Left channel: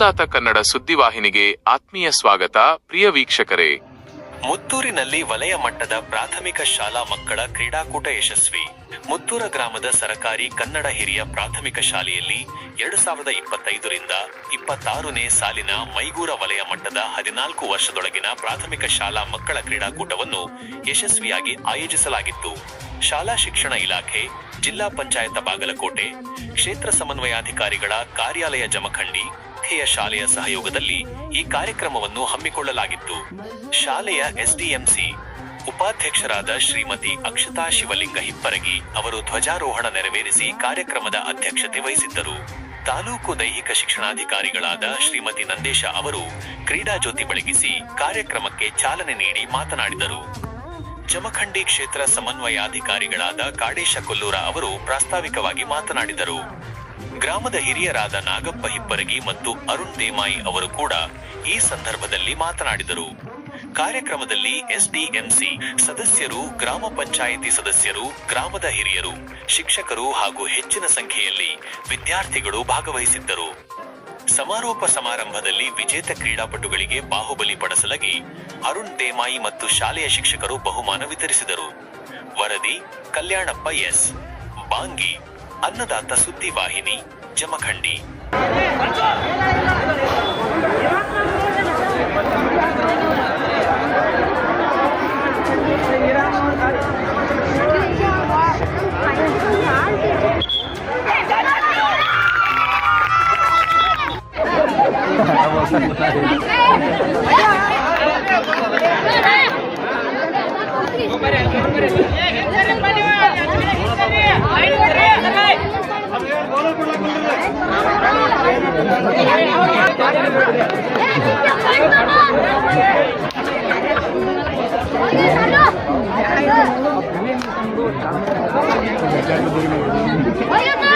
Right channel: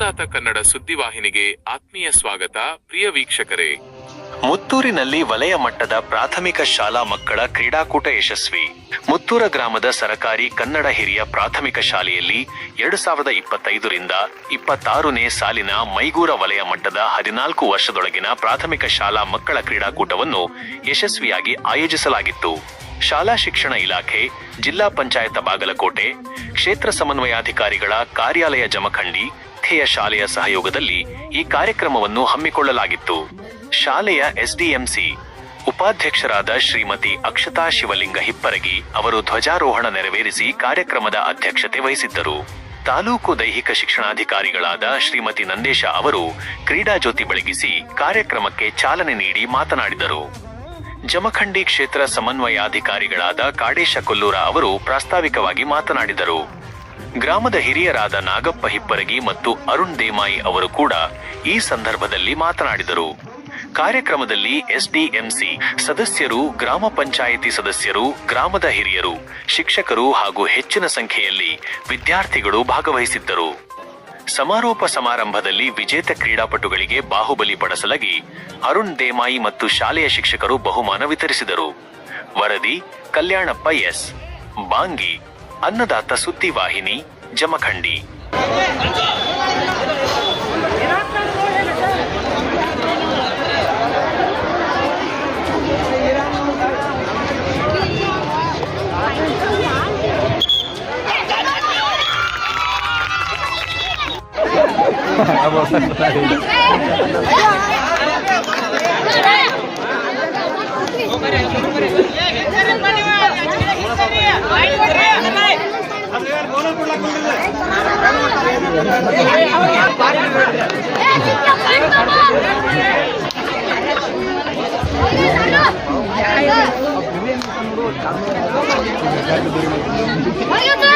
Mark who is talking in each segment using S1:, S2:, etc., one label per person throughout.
S1: ಅನ್ನದಾತ ಕನ್ನಡ ಸುದ್ದಿವಾಹಿನಿಗೆ ಆತ್ಮೀಯ ಸ್ವಾಗತ, ಪ್ರಿಯ ವೀಕ್ಷಕರೇ.
S2: ಮುತ್ತೂರಿನಲ್ಲಿ ವಲಯ ಮಟ್ಟದ ಪ್ರಾಥಮಿಕ ಶಾಲಾ ಮಕ್ಕಳ ಕ್ರೀಡಾಕೂಟ ಯಶಸ್ವಿ. ಮುತ್ತೂರ ಗ್ರಾಮದ ಸರಕಾರಿ ಕನ್ನಡ ಹಿರಿಯ ಪ್ರಾಥಮಿಕ ಶಾಲೆಯಲ್ಲಿ ಎರಡು ಸಾವಿರದ ಇಪ್ಪತ್ತೈದರಿಂದ ಇಪ್ಪತ್ತಾರನೇ ಸಾಲಿನ ಮೈಗೂರ ವಲಯ ಮಟ್ಟದ ಹದಿನಾಲ್ಕು ವರ್ಷದೊಳಗಿನ ಪ್ರಾಥಮಿಕ ಶಾಲಾ ಮಕ್ಕಳ ಕ್ರೀಡಾಕೂಟವನ್ನು ಯಶಸ್ವಿಯಾಗಿ ಆಯೋಜಿಸಲಾಗಿತ್ತು. ಶಾಲಾ ಶಿಕ್ಷಣ ಇಲಾಖೆ, ಜಿಲ್ಲಾ ಪಂಚಾಯತ ಬಾಗಲಕೋಟೆ, ಕ್ಷೇತ್ರ ಸಮನ್ವಯಾಧಿಕಾರಿಗಳ ಕಾರ್ಯಾಲಯ ಜಮಖಂಡಿ ಧ್ಯೇಯ ಶಾಲೆಯ ಸಹಯೋಗದಲ್ಲಿ ಈ ಕಾರ್ಯಕ್ರಮವನ್ನು ಹಮ್ಮಿಕೊಳ್ಳಲಾಗಿತ್ತು. ಶಾಲೆಯ ಎಸ್ಡಿಎಂಸಿ ಉಪಾಧ್ಯಕ್ಷರಾದ ಶ್ರೀಮತಿ ಅಕ್ಷತಾ ಶಿವಲಿಂಗ ಹಿಪ್ಪರಗಿ ಅವರು ಧ್ವಜಾರೋಹಣ ನೆರವೇರಿಸಿ ಕಾರ್ಯಕ್ರಮದ ಅಧ್ಯಕ್ಷತೆ ವಹಿಸಿದ್ದರು. ತಾಲೂಕು ದೈಹಿಕ ಶಿಕ್ಷಣಾಧಿಕಾರಿಗಳಾದ ಶ್ರೀಮತಿ ನಂದೇಶ ಅವರು ಕ್ರೀಡಾ ಜ್ಯೋತಿ ಬೆಳಗಿಸಿ ಕಾರ್ಯಕ್ರಮಕ್ಕೆ ಚಾಲನೆ ನೀಡಿ ಮಾತನಾಡಿದರು. ಜಮಖಂಡಿ ಕ್ಷೇತ್ರ ಸಮನ್ವಯಾಧಿಕಾರಿಗಳಾದ ಕಾಡೇಶ ಕೊಲ್ಲೂರ ಅವರು ಪ್ರಾಸ್ತಾವಿಕವಾಗಿ ಮಾತನಾಡಿದರು. ಗ್ರಾಮದ ಹಿರಿಯರಾದ ನಾಗಪ್ಪ ಹಿಪ್ಪರಗಿ ಮತ್ತು ಅರುಣ್ ದೇಮಾಯಿ ಅವರು ಕೂಡ ಈ ಸಂದರ್ಭದಲ್ಲಿ ಮಾತನಾಡಿದರು. ಕಾರ್ಯಕ್ರಮದಲ್ಲಿ ಎಸ್ಡಿಎಂಸಿ ಸದಸ್ಯರು, ಗ್ರಾಮ ಪಂಚಾಯಿತಿ ಸದಸ್ಯರು, ಗ್ರಾಮದ ಹಿರಿಯರು, ಶಿಕ್ಷಕರು ಹಾಗೂ ಹೆಚ್ಚಿನ ಸಂಖ್ಯೆಯಲ್ಲಿ ವಿದ್ಯಾರ್ಥಿಗಳು ಭಾಗವಹಿಸಿದ್ದರು. ಸಮಾರೋಪ ಸಮಾರಂಭದಲ್ಲಿ ವಿಜೇತ ಕ್ರೀಡಾಪಟುಗಳಿಗೆ ಬಾಹುಬಲಿ ಪಡಿಸಲಾಗಿ ಅರುಣ್ ದೇಮಾಯಿ ಮತ್ತು ಶಾಲೆಯ ಶಿಕ್ಷಕರು ಬಹುಮಾನ ವಿತರಿಸಿದರು. ವರದಿ ಕಲ್ಯಾಣಪ್ಪ ಎಸ್. ಬಾಂಗಿ. ಅನ್ನದಾತ ಸುದ್ದಿವಾಹಿನಿ Jamkhandi What are you doing?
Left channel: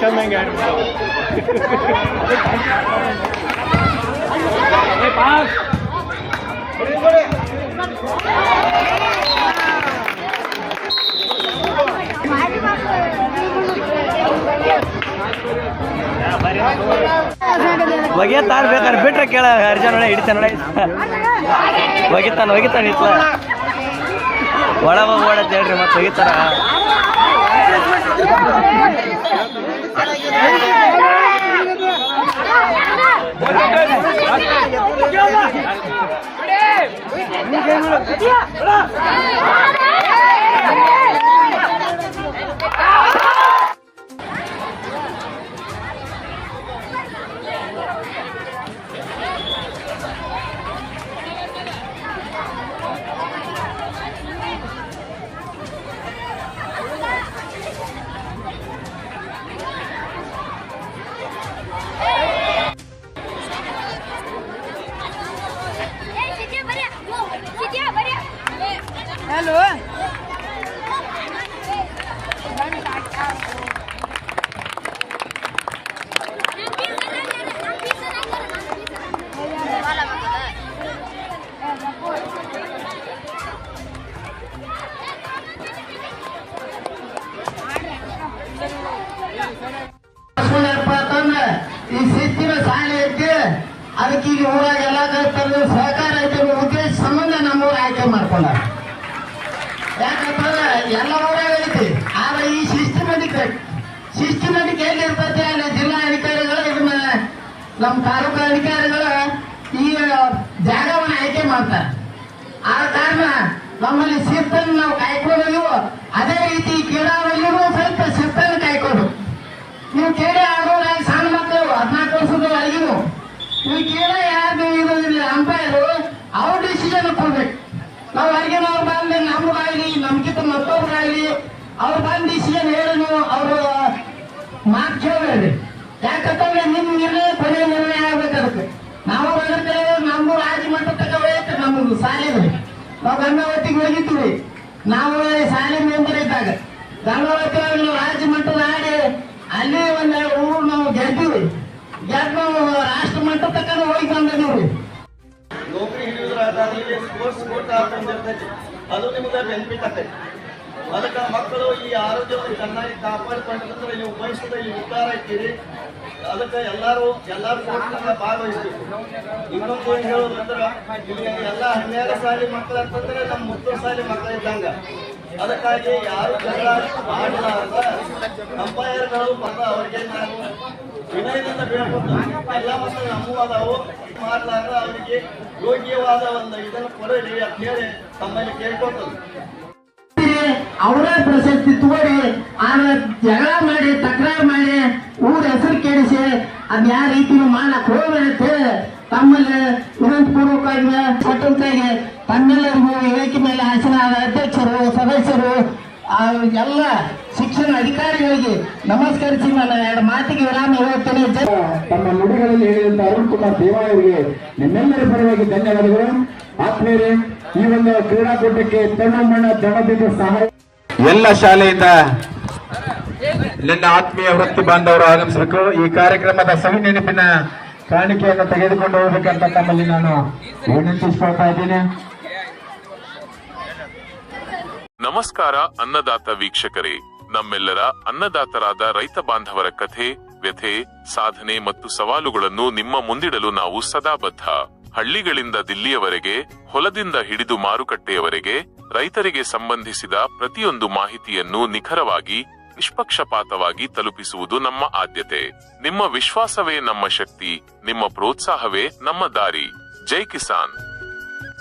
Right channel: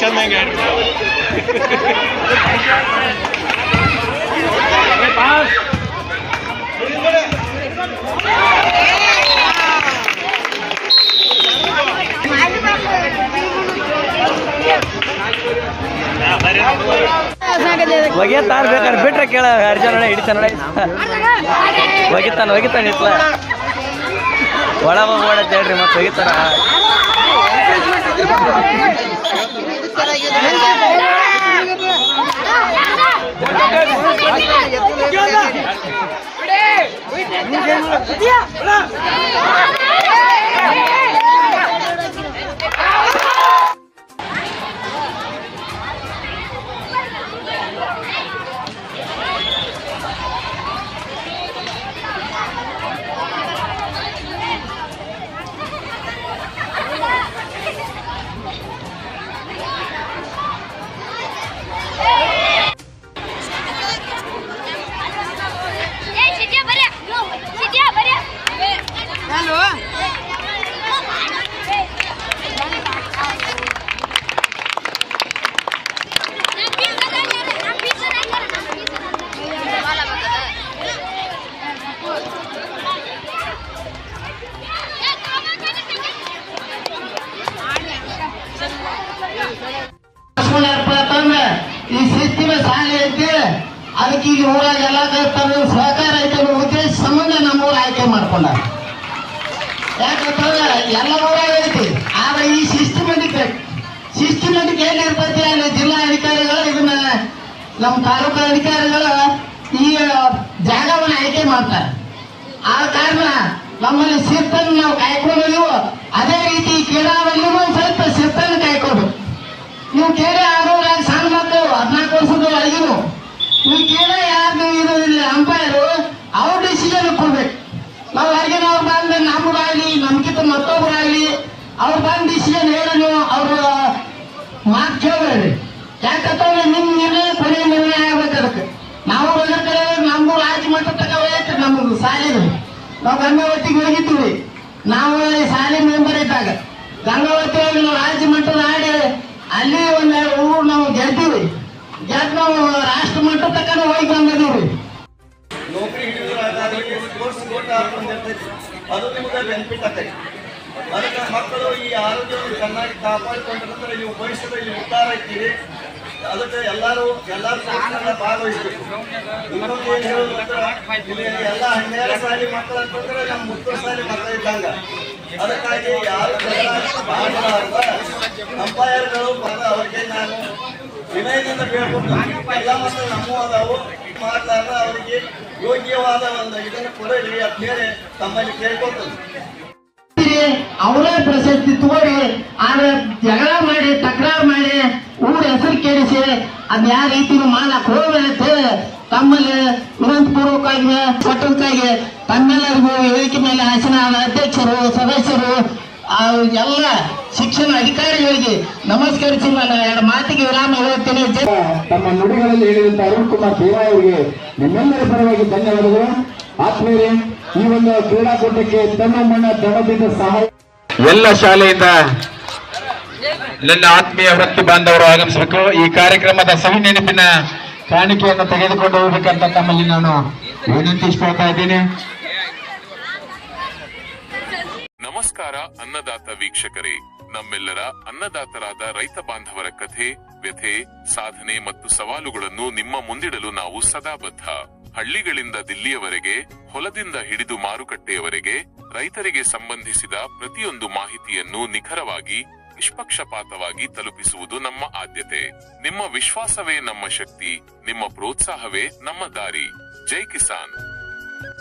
S3: ಚೆನ್ನಾಗಿ
S4: ಒಗೆತಾರ ಬೇಕಾದ್ರೆ ಬಿಟ್ರೆ ಕೇಳ ಅರ್ಜುನ ಹಿಡಿತಾನ ಒಗಿತಾನ ಒಗಿತಾನ ಇತ್ಲ ಒಳ ಹೋಗಿ ಓಡತ್ ಹೇಳ್ರಿ ಮತ್ತೆ ಒಗಿತಾರ
S5: ಏನಪ್ಪ ಅದಕ್ಕೆ ಈಗ ಊರಾಗ ಎಲ್ಲ ಸಹಕಾರ ಐತೆ ಅನ್ನೋ ಉದ್ದೇಶ ಸಂಬಂಧ ನಮ್ಮ ಊರ ಆಯ್ಕೆ ಮಾಡ್ಕೊಂಡ ಯಾಕಂತಂದ್ರೆ ಎಲ್ಲ ಊರಾಗ ಐತಿ, ಆದ್ರೆ ಈ ಸಿಸ್ಟಮೆಟಿಕ್ ಸಿಸ್ಟಮೆಟಿಕ್ ಇರ್ತೈತೆ ಅಲ್ಲಿ ಜಿಲ್ಲಾ ಅಧಿಕಾರಿಗಳು ಇದನ್ನ, ನಮ್ಮ ತಾಲೂಕು ಅಧಿಕಾರಿಗಳು ಈ ಜಾಗವನ್ನು ಆಯ್ಕೆ ಮಾಡ್ತಾರೆ. ಆ ಕಾರಣ ನಮ್ಮಲ್ಲಿ ಶಿಸ್ತನ್ನು ನಾವು ಕಾಯ್ಕೊಂಡಿದ್ದೀವೋ ಅದೇ ರೀತಿ ಕ್ರೀಡಾದಲ್ಲಿಯೂ ಸ್ವಲ್ಪ ಶಿಸ್ತನ್ನು ಕಾಯ್ಕೊಂಡು ನೀವು ಕೇಳಿ ನೀವು ಕೇಳ ಯಾರು ಇರೋದಿಲ್ಲ. ಅಂಪೈರು, ಅವ್ರ ಡಿಸಿಷನ್ ಕೊಡ್ಬೇಕು ನಾವು ಹೊರಗಿನ ಅವ್ರು ಬಂದು ನಮಗಾಗ್ಲಿ, ನಮ್ಗಿಂತ ಮತ್ತೊಬ್ರಾಗ್ಲಿ, ಅವ್ರು ಬಂದು ಡಿಸಿಷನ್ ಹೇಳಿ ನೀವು ಅವ್ರ ಮಾತು ಕೇಳ್ಬೇಡ್ರಿ. ಯಾಕಂತಂದ್ರೆ ನಿಮ್ ನಿರ್ಣಯ ಕೊನೆ ನಿರ್ಣಯ ಆಗ್ಬೇಕು ಅದಕ್ಕೆ. ನಾವು ಬಂದಿರ್ತೇವೆ ನಮ್ಗೂ ರಾಜ್ಯ ಮಟ್ಟ ತಗೋಬೇಕು ನಮ್ಗೆ ಸಾಲಿದು ನಾವು ಗಂಗಾವತಿಗೆ ಹೋಗಿದ್ದೀವಿ ನಾವು ಶಾಲೆ ಮೆಂಬರ್ ಇದ್ದಾಗ. ಗಂಗಾವತಿ ನಾವು ರಾಜ್ಯ ಮಟ್ಟದ ಆಡಿ ಅಲ್ಲಿ ಒಂದೆರಡು ಊರು ನಾವು ಗೆದ್ದೀವಿ. ಗೆದ್ದು ನಾವು ರಾಷ್ಟ್ರ ಮಟ್ಟ ತಕ್ಕ ಹೋಗಿ ನೋಡಿ
S3: ನೌಕರಿ ಹಿಡಿಯೋದ್ರಾಗ ಸ್ಪೋರ್ಟ್ಸ್ ಕೋಟ ಅದು ನಿಮ್ಗೆ ಬೆನಿಫಿಟ್ ಆಗ್ತೈತಿ. ಅದಕ್ಕೆ ಮಕ್ಕಳು ಈ ಆರೋಗ್ಯವನ್ನು ಚೆನ್ನಾಗಿ ಕಾಪಾಡಿಕೊಂಡಿರ್ತಾರೆ ನೀವು ಭವಿಷ್ಯದಲ್ಲಿ ಉದ್ದಾರ ಇರ್ತೀರಿ ಅದಕ್ಕೆ ಎಲ್ಲರೂ ಎಲ್ಲರೂ ಸ್ಪೋರ್ಟ್ಸ್ನೆಲ್ಲ ಭಾಗವಹಿಸ್ಬೇಕು. ಇನ್ನೊಂದು ಏನು ಹೇಳೋದಂದ್ರೆ ಇಲ್ಲಿ ಎಲ್ಲ ಹನ್ನೆರಡು ಸಾಲಿ ಮಕ್ಕಳು ಅಂತಂದ್ರೆ ನಮ್ಮ ಮುತ್ತು ಸಾಲಿ ಮಕ್ಕಳು ಇದ್ದಂಗ ಅದಕ್ಕಾಗಿ ಯಾರು ಅಂಪೈರ್ಗಳು ಬಂದ ಅವ್ರಿಗೆ ನಾನು ವಿನಯದಿಂದ ಬೇಡ್ಕೊಂಡು ಎಲ್ಲ ಮಕ್ಕಳು ನಮ್ಮೂ ಅದಾವು. ಮಾಡಿದಾಗ ಅವರಿಗೆ ಯೋಗ್ಯವಾದ ಒಂದು ಇದನ್ನು ಕೊಡಲಿ ಅಂತ ಹೇಳಿ ತಮ್ಮಲ್ಲಿ ಕೇಳ್ಕೊತದ್ದು
S5: ಅವರ ಪ್ರಶಸ್ತಿ ತೋರಿ, ಆದ್ರೆ ಜಗಳ ಮಾಡಿ, ತಕರಾರು ಮಾಡಿ, ಊರ ಹೆಸರು ಕೇಳಿಸಿ ಅದ್ ಯಾವ ರೀತಿ ಮಾಡಕ್ ಹೋಗ್ಬೇಡ ಅಂತ ಹೇಳಿ ತಮ್ಮಲ್ಲಿ ವಿನಂತಪೂರ್ವಕವಾಗಿ ಮಟ್ಟಕ್ಕಾಗಿ ತಮ್ಮೆಲ್ಲರಿಗೂ ವೇದಿಕೆ ಮೇಲೆ ಆಸೀನಾದ ಅಧ್ಯಕ್ಷರು ಸದಸ್ಯರು ಆ ಎಲ್ಲ ಶಿಕ್ಷಣ ಅಧಿಕಾರಿಗಳಿಗೆ ನನ್ನ ಎರಡು ಮಾತಿಗೆ ವಿರಾಮ ಹೇಳ್ತೀನಿ.
S6: ತಮ್ಮ ನುಡಿಗಳಲ್ಲಿ ಹೇಳಿದಂತ ಅರುಣ್ ಕುಮಾರ್ ದೇವಾಯ ಅವರಿಗೆ ನಿಮ್ಮೆಲ್ಲರ ಪರವಾಗಿ ಧನ್ಯವಾದಗಳು. ಆತ್ಮೀಯರೇ ಈ ಒಂದು ಕ್ರೀಡಾಕೂಟಕ್ಕೆ ತನ್ನ ಮಣ್ಣ ದಮದಿಂದ ಸಹಾಯ ಎಲ್ಲ ಶಾಲೆಯಿಂದ ನನ್ನ ಆತ್ಮೀಯ ವೃತ್ತಿ ಬಾಂಧವರು ಆಗಮಿಸಬೇಕು. ಈ ಕಾರ್ಯಕ್ರಮದ ಸವಿ ನೆನಪಿನ ಕಾಣಿಕೆಯನ್ನು ತೆಗೆದುಕೊಂಡು ಹೋಗ್ಬೇಕಂತ ತಮ್ಮಲ್ಲಿ ನಾನು ವಿನಂತಿಸ್ಕೊಳ್ತಾ ಇದ್ದೀನಿ.
S1: ನಮಸ್ಕಾರ ಅನ್ನದಾತ ವೀಕ್ಷಕರೇ. ನಮ್ಮೆಲ್ಲರ ಅನ್ನದಾತರಾದ ರೈತ ಬಾಂಧವರ ಕಥೆ, ವ್ಯಥೆ, ಸಾಧನೆ ಮತ್ತು ಸವಾಲುಗಳನ್ನು ನಿಮ್ಮ ಮುಂದಿಡಲು ನಾವು ಸದಾ ಬದ್ಧ ಹಳ್ಳಿಗಳಿಂದ ದಿಲ್ಲಿಯವರೆಗೆ, ಹೊಲದಿಂದ ಹಿಡಿದು ಮಾರುಕಟ್ಟೆಯವರೆಗೆ, ರೈತರಿಗೆ ಸಂಬಂಧಿಸಿದ ಪ್ರತಿಯೊಂದು ಮಾಹಿತಿಯನ್ನು ನಿಖರವಾಗಿ, ನಿಷ್ಪಕ್ಷಪಾತವಾಗಿ ತಲುಪಿಸುವುದು ನಮ್ಮ ಆದ್ಯತೆ. ನಿಮ್ಮ ವಿಶ್ವಾಸವೇ ನಮ್ಮ ಶಕ್ತಿ, ನಿಮ್ಮ ಪ್ರೋತ್ಸಾಹವೇ ನಮ್ಮ ದಾರಿ. ಜೈ ಕಿಸಾನ್.